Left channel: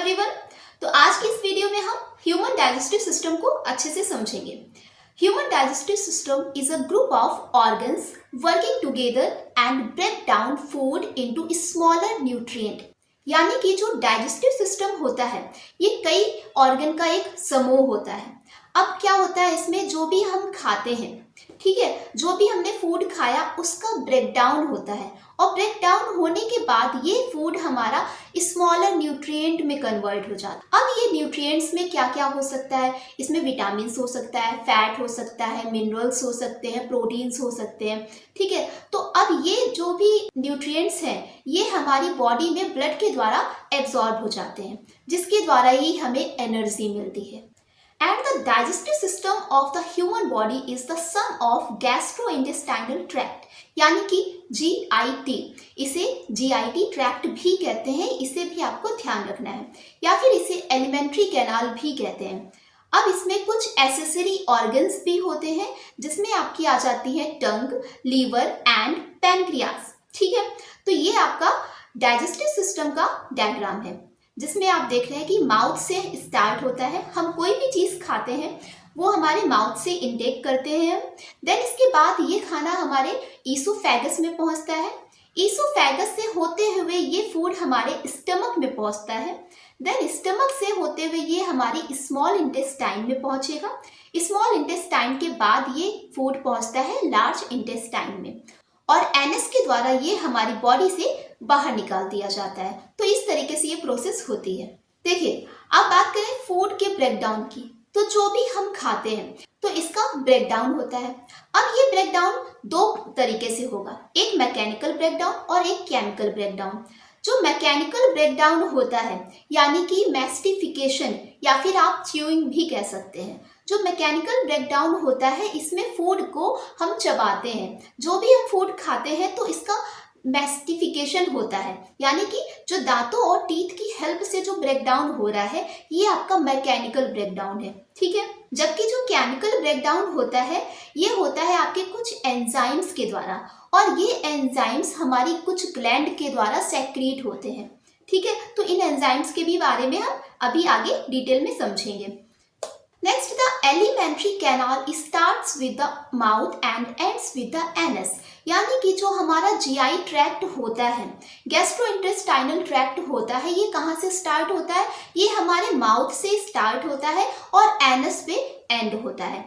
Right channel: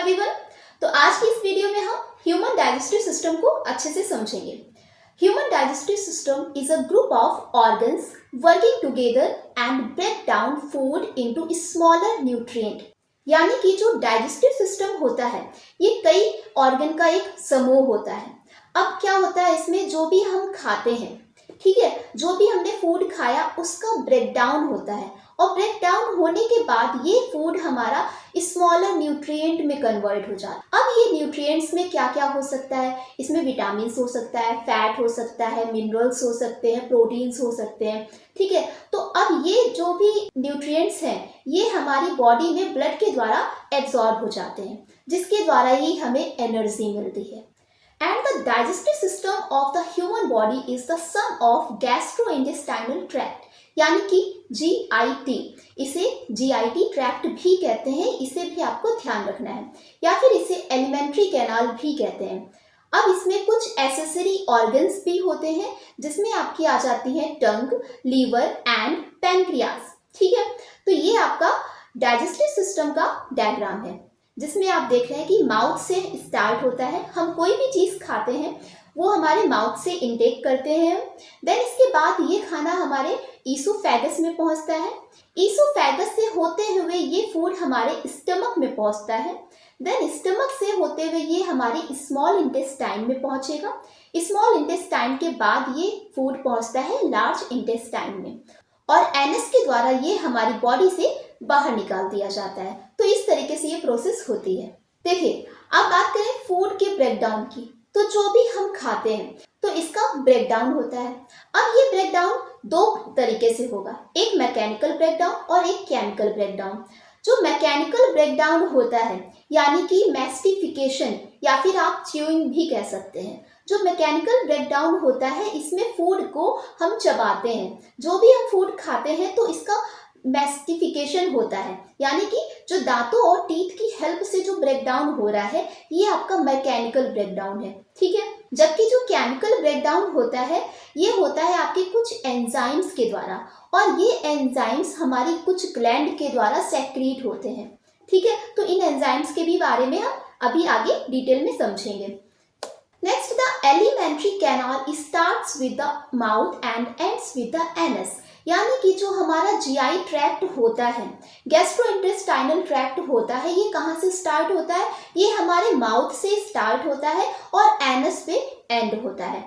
Everyone. तो आज की इस वीडियो में हम ह्यूमन डाइजेस्टिव सिस्टम को अच्छे से समझेंगे। Human digestive system is a group of organs working together and break down food into smaller nutrient. यानी कि जो डाइजेस्टिव सिस्टम होता है ये कई ऑर्गन का एक समूह होता है। अब क्या होता है इसमें, जो भी हम खाते हैं, ठीक है, जो भी हमने फूड खाया उसका ब्रेक डाउन होता है और ब्रेक डाउन होने के बाद ये फूड हमारा स्मॉलर न्यूट्रिएंट में कन्वर्ट हो जाता है। अब ये न्यूट्रिएंट्स में क्या क्या हो सकता है, इसमें विटामिन हो सकता है, फैट हो सकता है, मिनरल्स हो सकते हैं, प्रोटीन्स हो सकते हैं, ठीक है। तो अब ये जो भी न्यूट्रिएंट्स हैं ये हमारी बॉडी में ब्लड के द्वारा एब्जॉर्ब हो जाते हैं, जिसके द्वारा ही हमें एनर्जी मिलती है। And the digestive system of the human body is the sum of gastrointestinal tract, यानी कि GIT। इसे GIT ट्रैक्ट भी कहते हैं, इसे भी आपको ध्यान रखना है, या फिर इसे एलिमेंट्री कैनाल भी कहते हैं। अब इसमें कुछ एसेसरी ऑर्गन्स भी होते हैं, जिसमें आपकी आ जाती है टंग, लीवर एंड पैनक्रियाज, ठीक है। तो ये आपका डाइजेस्टिव सिस्टम का डायग्राम है, जिसमें आप देख रहे हैं कि माउथ से स्टार्ट होता है। हम कोई भी चीज़ खाते हैं वो हमारे माउथ से इंटेक करते हैं, देन इसके बाद ये खाना हमारे ईसोफेगस में पहुंचता है। ईसोफेगस से होते हुए ये फूड हमारे स्टमक में पहुंचता है, देन स्टमक से होते हुए ये हमारी स्मॉल इंटेस्टाइन में पहुंचेगा। स्मॉल इंटेस्टाइन के बाद ये फूड पहुंचता है लार्ज इंटेस्टाइन में, और एनस के द्वारा ये हमारी बॉडी से बाहर निकाल दिया जाता है। तो इस तरीके से ये प्रोसेस होती है। देखिए, अब बात करें फूड के ब्रेकडाउन की, तो जो भी हम खाते हैं तो इसका ब्रेकडाउन होता है। अब ये ब्रेकडाउन दो तरीके से होगा, एक मैकेनिकल ब्रेकडाउन और एक केमिकल ब्रेकडाउन। जो मैकेनिकल ब्रेकडाउन होता है यानी कि मैस्टिफिकेशन या फिर आप च्यूइंग भी कह सकते हैं। जो मैकेनिकल ब्रेकडाउन होता है इसमें फूड को हम चबाते हैं, जो भी हम फूड खाते हैं तो इसका मैस्टिफिकेशन होता है, यानी कि जो दांतों और टीथ की हेल्प से जो ब्रेकडाउन हो रहा है ये आपका मैकेनिकल ब्रेकडाउन है, ठीक है। जबकि जो केमिकल ब्रेकडाउन होता है ये होता है आपके कुछ एंजाइम्स के द्वारा, और ये एंजाइम्स हमारी कुछ ग्लैंड के द्वारा सेक्रीट होते हैं, ठीक है। तो इन एंजाइम्स के भी बारे में हम अभी आगे डिटेल में समझेंगे। Next, the alimentary canal starts with the mouth and ends with the anus। यानी कि जो हमारा GI ट्रैक्ट होता है, गैस्ट्रोइंटेस्टाइनल ट्रैक्ट होता है, ये कहाँ से स्टार्ट होता है, ये हमारे माउथ से स्टार्ट होता है और एनस पे एंड होता है।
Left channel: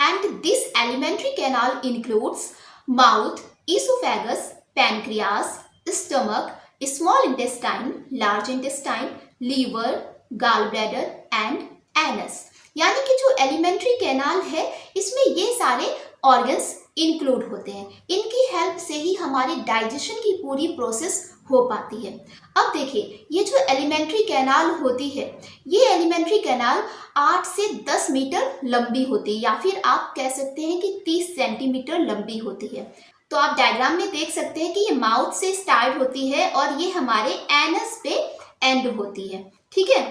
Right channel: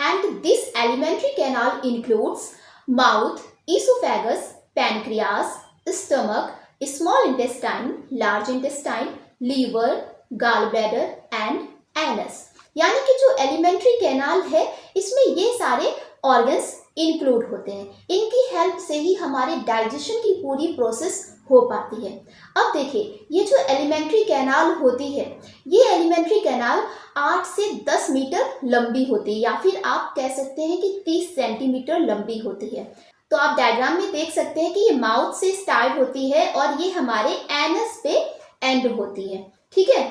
And this alimentary canal includes mouth, oesophagus, pancreas, stomach, small intestine, large intestine, liver, gall bladder and anus. यानी कि जो एलिमेंट्री कैनाल है इसमें ये सारे ऑर्गन्स इंक्लूड होते हैं, इनकी हेल्प से ही हमारे डाइजेशन की पूरी प्रोसेस हो पाती है। अब देखिए, ये जो एलिमेंट्री कैनाल होती है ये एलिमेंट्री कैनाल 8 से 10 मीटर लंबी होती है, या फिर आप कह सकते हैं कि 30 सेंटीमीटर लंबी होती है। तो आप डायग्राम में देख सकते हैं कि ये माउथ से स्टार्ट होती है और ये हमारे एनस पे एंड होती है, ठीक है।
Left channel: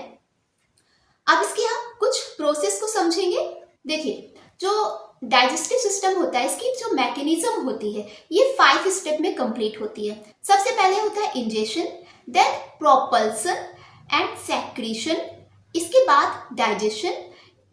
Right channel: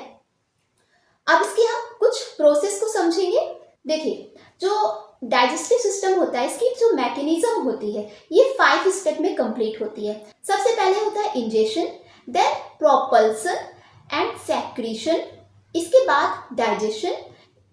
अब इसके हम कुछ प्रोसेस को समझेंगे। देखिए, जो डाइजेस्टिव सिस्टम होता है इसकी जो मैकेनिज्म होती है ये 5 स्टेप में कंप्लीट होती है। सबसे पहले होता है ingestion, then propulsion and secretion, इसके बाद डाइजेशन,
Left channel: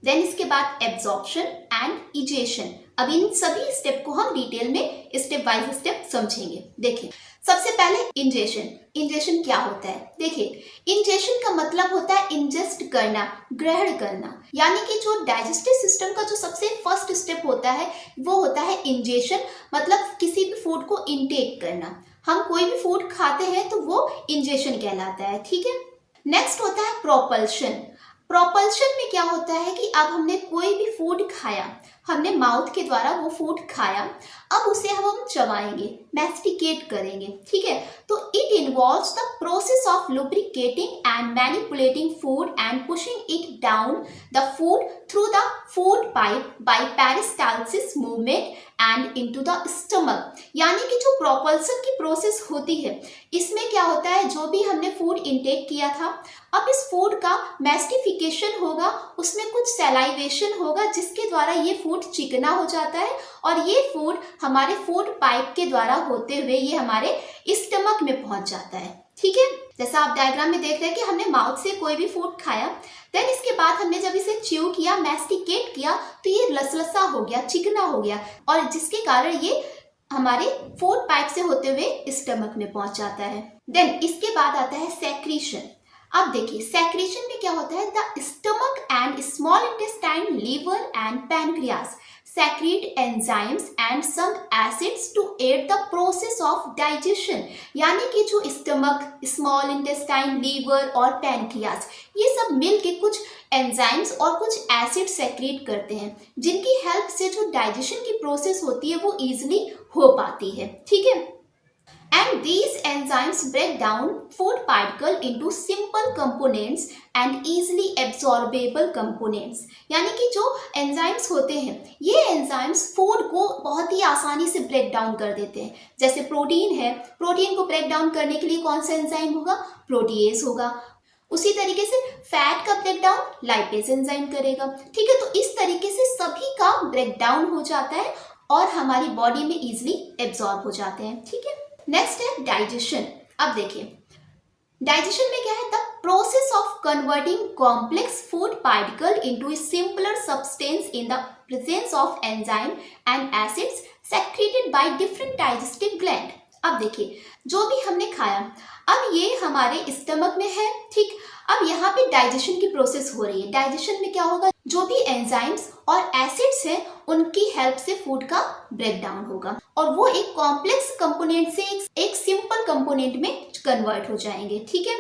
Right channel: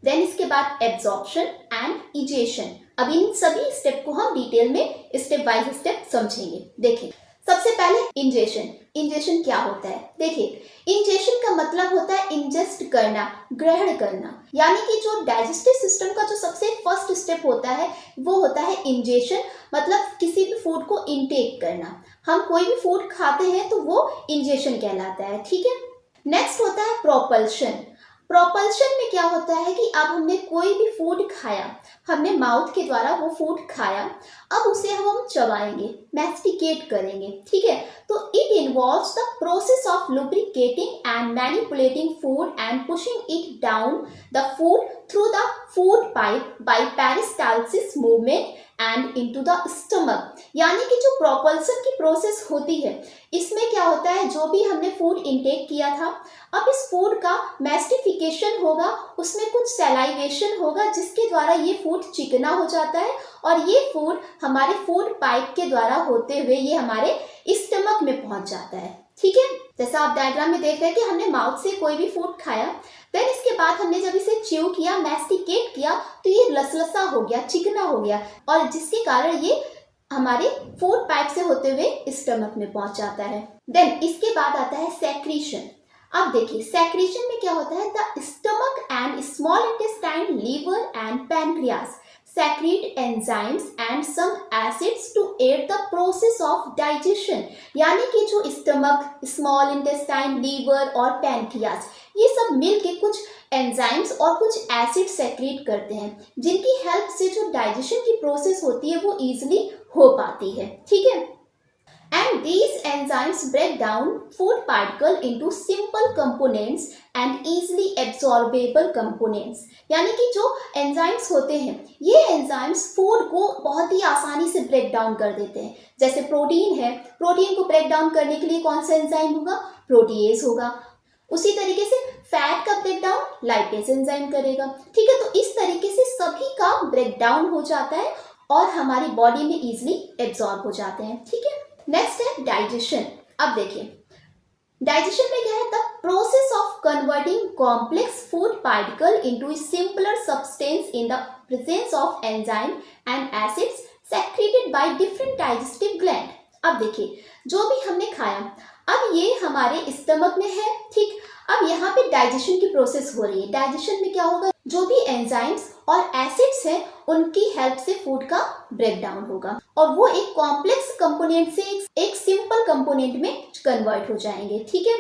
देन इसके बाद एब्जॉर्प्शन एंड इजेशन। अब इन सभी स्टेप को हम डिटेल में स्टेप बाय स्टेप समझेंगे। देखिए, सबसे पहले इंजेशन। इंजेशन क्या होता है, देखिए, इंजेशन का मतलब होता है इंजेस्ट करना, ग्रहण करना। यानी कि जो डाइजेस्टिव सिस्टम का जो सबसे फर्स्ट स्टेप होता है वो होता है इंजेशन, मतलब किसी भी फूड को इनटेक करना। हम कोई भी फूड खाते हैं तो वो इंजेशन कहलाता है, ठीक है। नेक्स्ट होता है प्रोपल्शन। प्रोपल्शन में क्या होता है कि अब हमने कोई भी फूड खाया, हमने माउथ के द्वारा वो फूड खाया, अब उसे हम चबाएंगे, मैस्टिकेट करेंगे, ठीक है। तो it involves the process of lubricating and manipulating food and pushing it down the food through the food pipe by peristalsis movement and into the stomach. यानी कि जो प्रोपल्सन की प्रोसेस होती है इसमें क्या होता है, जो भी हमने फूड इनटेक किया था अब इस फूड का मैस्टिफिकेशन होगा, उसमें कुछ सैलाइवेशन होगा जिसके द्वारा ये फूड चिकना हो जाता है और ये फूड हमारे फूड पाइप के द्वारा होते हुए ये हमारे स्टमक में पहुंच जाता है, ठीक है। जैसा आप डायग्राम में देख रहे हैं कि हमने माउथ से कोई भी फूड खाया, देन इसके बाद हमने जब इसे च्यू किया, मैस्टिकेट किया, तो ये लसलसा हो गया, चिकना हो गया, और जिसके कारण ये हमारे फूड पाइप से होते हुए स्टमक में पहुंच जाता है। देन इसके बाद आता है सेक्रीशन। अब देखिए सेक्रीशन में क्या होता है, the stomach and small intestine, liver and pancreas secrete enzymes and some acids to aid the process of digestion। यानी कि जो स्टमक, स्मॉल इंटेस्टाइन, लीवर और पैनक्रियास, ये सब मिलके कुछ एंजाइम्स और कुछ एसिड सेक्रेट करते हैं, जिनकी हेल्प से जो डाइजेशन की प्रोसेस होती है वो इजीली हो पाती है। ठीक है, and these enzymes break down food particle into simple components and easily absorbable components। यानी कि जो एंजाइम्स होते हैं, ये एंजाइम्स फूड को बहुत ही आसानी से ब्रेक डाउन कर देते हैं। जैसे प्रोटीन है, प्रोटीन को ब्रेक डाउन करने के लिए कौन सा एंजाइम होगा, प्रोटीएज होगा। उसी तरीके से फैट का ब्रेक डाउन लाइपेज एंजाइम करेगा। ठीक है, तो इस तरीके से सभी का ब्रेक डाउन हो जाता है और हमारी बॉडी में इजिली एब्जॉर्ब हो जाते हैं। ठीक है, नेक्स्ट है डाइजेशन। अब देखिए डाइजेशन में क्या है, the process of converting complex food particle into simpler substance in the presence of enzyme and acids secreted by different digestive gland. अब देखिए जो भी हमने खाया, अब ये हमारे स्टमक में है। ठीक, अब यहाँ पे डाइजेशन की प्रोसेस हो रही है। डाइजेशन में क्या होगा, जो भी एंजाइम्स और एसिड्स हैं उनकी हेल्प से फूड का ब्रेक डाउन होगा और वो एक कॉम्प्लेक्स कंपोनेंट से एक सिंपल कंपोनेंट में कन्वर्ट हो जाएंगे। ठीक है,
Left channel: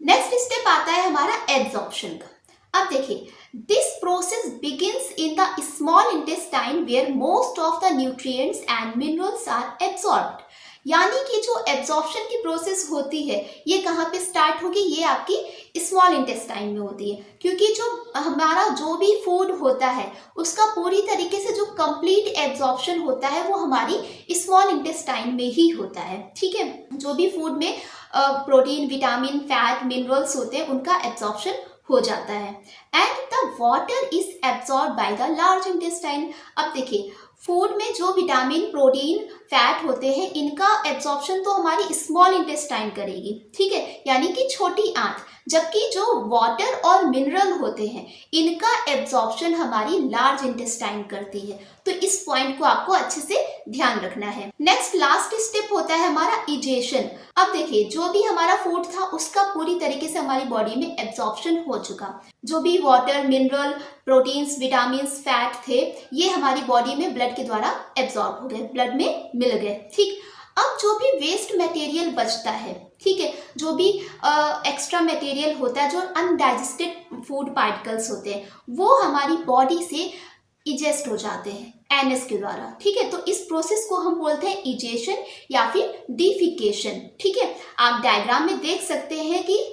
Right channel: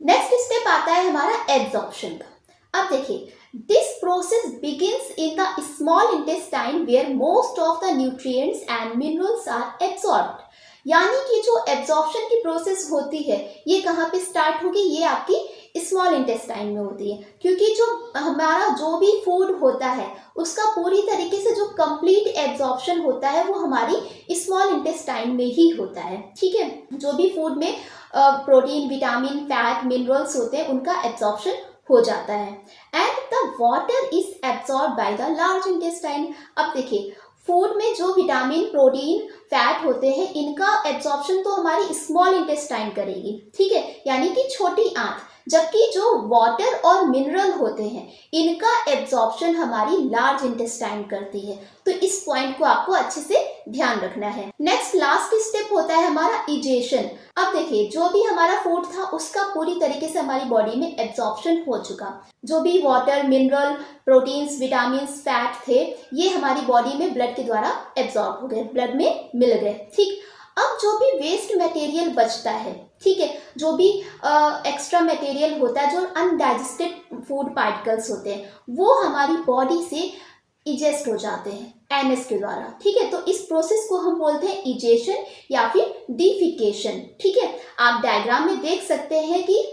नेक्स्ट स्टेप आता है हमारा एब्जॉर्प्शन का। अब देखिए this process begins in the small intestine where most of the nutrients and minerals are absorbed. यानी कि जो एब्जॉर्प्शन की प्रोसेस होती है ये कहाँ पे स्टार्ट होगी, ये आपकी स्मॉल इंटेस्टाइन में होती है, क्योंकि जो हमारा जो भी फूड होता है उसका पूरी तरीके से जो कंप्लीट एब्जॉर्प्शन होता है वो हमारी स्मॉल इंटेस्टाइन में ही होता है। ठीक है, जो भी फूड में प्रोटीन, विटामिन, फैट, मिनरल्स होते हैं उनका एब्जॉर्प्शन हो जाता है। And the water is absorb by the large intestine. अब देखिए फूड में जो विटामिन, प्रोटीन, फैट होते हैं इनका एब्जॉर्प्शन तो हमारी स्मॉल इंटेस्टाइन करेगी। ठीक है, यानी कि छोटी आंत, जबकि जो वाटर और मिनरल होते हैं इनका एब्जॉर्प्शन हमारी लार्ज इंटेस्टाइन करती है। तो इस पॉइंट को आपको अच्छे से ध्यान रखना है। नेक्स्ट लास्ट स्टेप होता है हमारा इजेशन। अब देखिए जो भी हमारा फूड था उसका पूरी तरीके से हमारी बॉडी में एब्जॉर्प्शन हो चुका। जो भी water, mineral, proteins, vitamins, fat थे ये हमारी बॉडी में ब्लड के द्वारा एब्जॉर्ब हो गए, ब्लड में मिल गए। ठीक, अब जो भी वेस्ट मटेरियल बचता है, ठीक है, जो भी एक्स्ट्रा मटेरियल होता है, जो अनडाइजेस्टेड फूड पार्टिकल्स होते हैं वो हमारी बॉडी से इजेस्ट हो जाते हैं एनएस के द्वारा। ठीक है, तो इस प्रोसेस को हम बोलते हैं इजेशन या फिर डिफिकेशन। ठीक है, आप डायग्राम में देख सकते हैं कि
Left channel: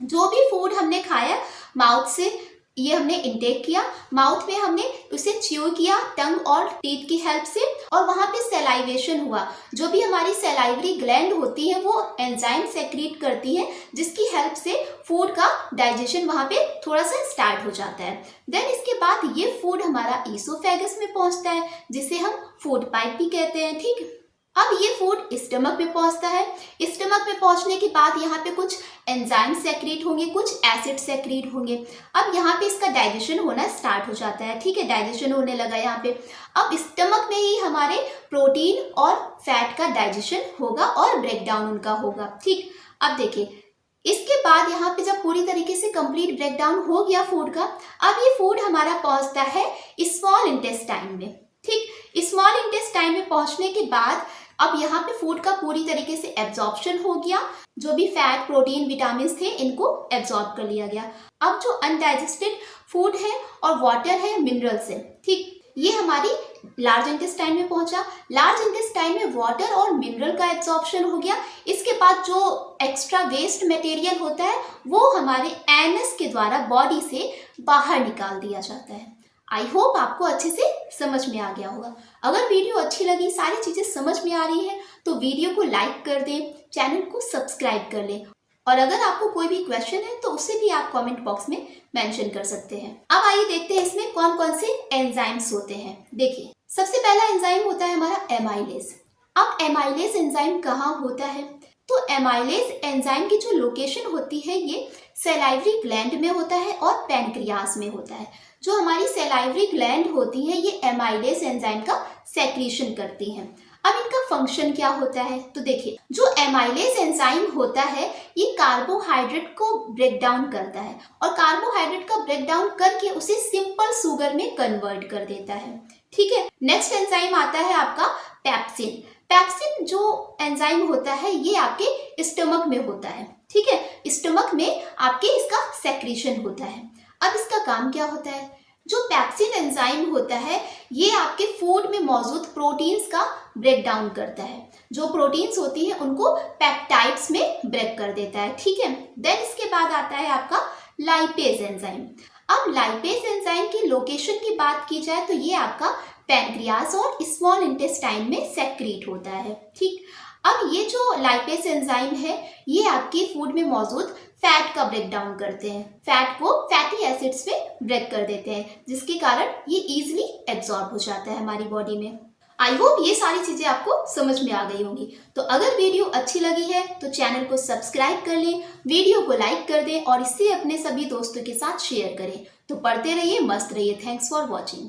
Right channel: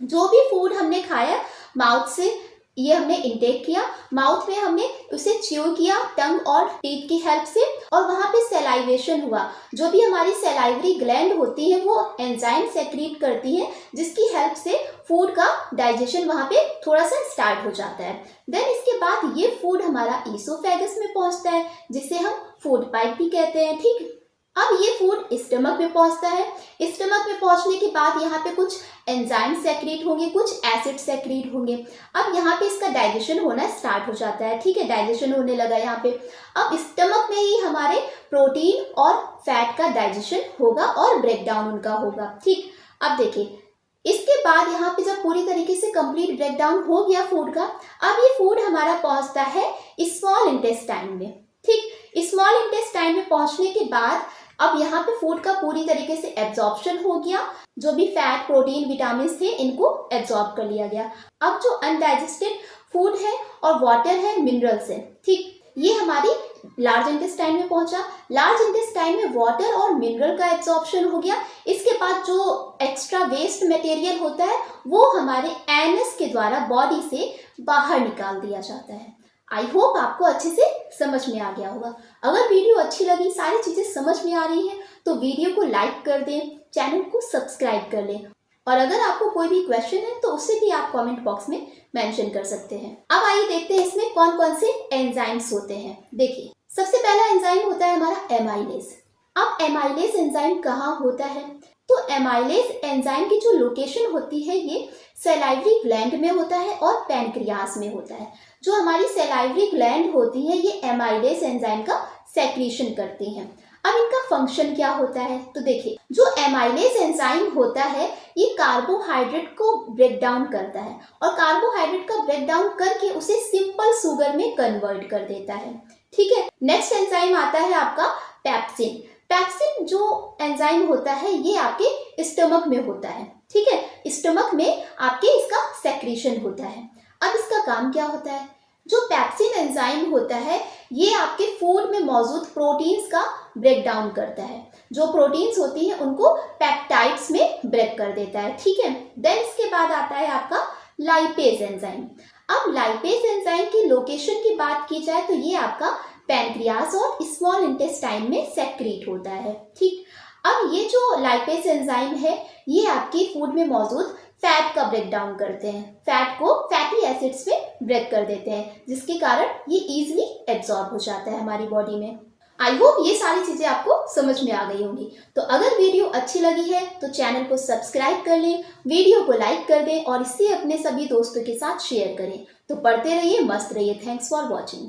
जो भी फूड हमने खाया माउथ से ये हमने इनटेक किया, माउथ में हमने उसे च्यू किया टंग और टीथ की हेल्प से, और वहाँ पे सेलाइवेशन हुआ। जो भी हमारी सेलाइवरी ग्लैंड होती है वो एंजाइम सेक्रीट करती है जिसकी हेल्प से फूड का डाइजेशन वहाँ पे थोड़ा सा स्टार्ट हो जाता है। देन इसके बाद ये फूड हमारा ईसोफेगस में पहुँचता है जिसे हम फूड पाइप भी कहते हैं। ठीक, अब ये फूड स्टमक में पहुंचता है। स्टमक में पहुंचने के बाद यहाँ पे कुछ एंजाइम सेक्रेट होंगे, कुछ एसिड सेक्रेट होंगे। अब यहाँ पे इसका डाइजेशन होना स्टार्ट हो जाता है। ठीक है, डाइजेशन होने लगा यहाँ पे। अब स्टमक में ही हमारे प्रोटीन और फैट का डाइजेशन होगा और ब्रेक डाउन उनका होगा। ठीक, अब देखिए इसके बाद यहाँ पे जब पूरी तरीके से कंप्लीट ब्रेक डाउन हो गया फूड का, अब ये फूड हमारा पहुँचता है स्मॉल इंटेस्टाइन में। ठीक, स्मॉल इंटेस्टाइन में पहुँचने के बाद अब यहाँ पे फूड का पूरी तरीके से एब्जॉर्प्शन हो गया। जो भी फैट, प्रोटीन, विटामिन थे इनको एब्जॉर्ब कर लिया गया। अब जो अनडाइजेस्टेड फूड है और वाटर है, मिनरल्स है, ठीक, ये हमारी लार्ज इंटेस्टाइन में पहुंचा। लार्ज इंटेस्टाइन में वाटर और मिनरल का एब्जॉर्प्शन हो गया। इसके बाद जो एक्स्ट्रा वेस्ट मटेरियल होता है वो हमारे एनस के द्वारा बॉडी से बाहर निकाल दिया जाता है। आई होप आपको अच्छे से समझ में आ गया होगा। अगर वीडियो अच्छी लगी, सारी चीज़ें समझ में आ रही हैं तो वीडियो को लाइक कर दें, चैनल को सब्सक्राइब कर लें, और अगर आपको कोई भी क्वेश्चन है तो उसे भी आप कमेंट बॉक्स में मेंशन कर सकते हैं। अब आइए देखते हैं इसमें कौन कौन से एंजाइम्स होते हैं। देखिए सबसे पहला एंजाइम होता है हमारा एमाइलेज। अब एमाइलेज एंजाइम कहाँ होता है? तो एमाइलेज एंजाइम की जो लोकेशन होती है ये सैलाइवरी ग्लैंड में होता है और पैनक्रियास में होता है। जो हमारी सैलाइवरी ग्लैंड होती है ये एमाइलेज एंजाइम का सेक्रीशन करती हैं। अब इनका फंक्शन क्या होता है, तो देखिए जो एमाइलेज एंजाइम होता है ये कार्बोहाइड्रेट को ब्रेक डाउन करता है और कार्बोहाइड्रेट का ब्रेक डाउन करके उसे सिंपल शुगर में कन्वर्ट कर देता है। ठीक है, नेक्स्ट एंजाइम आता है आपका पेप्सिन। पेप्सिन जो एंजाइम होता है ये आपके स्टमक में होता है। ठीक है, स्टमक में आपके इसका सेक्रीशन होता है। अब इसका काम क्या होता है, जो पेप्सिन एंजाइम होता है ये आपके फूड में मौजूद प्रोटीन्स का ब्रेक डाउन करता है। जो प्रोटीन्स होती हैं उनको पेप्टाइड्स में ब्रेक कर देता है। ठीक है, देन इसके बाद आता है आपका लाइपेज एंजाइम। अब लाइपेज एंजाइम की लोकेशन की बात की जाए तो ये आपका पैनक्रियास और स्मॉल इंटेस्टाइन में सेक्रीट होता है। ठीक, अब ये जो लाइपेज एंजाइम है ये आपके फूड में मौजूद फैट का ब्रेक डाउन करते हैं, फैट को फैटी एसिड्स में ब्रेक कर देते हैं, जिसके कारण ये इजीली एब्जॉर्ब हो जाता है हमारी बॉडी में। आई होप ये सारी चीजें आपको समझ में आ गई होंगी। तो अगर वीडियो अच्छी लगी है तो चैनल को सब्सक्राइब कर लें, वीडियो को लाइक कर दें और इसे अपने सभी दोस्तों के साथ शेयर करें। तो पढ़ते रहिए, मस्त रहिए। Thanks for watching.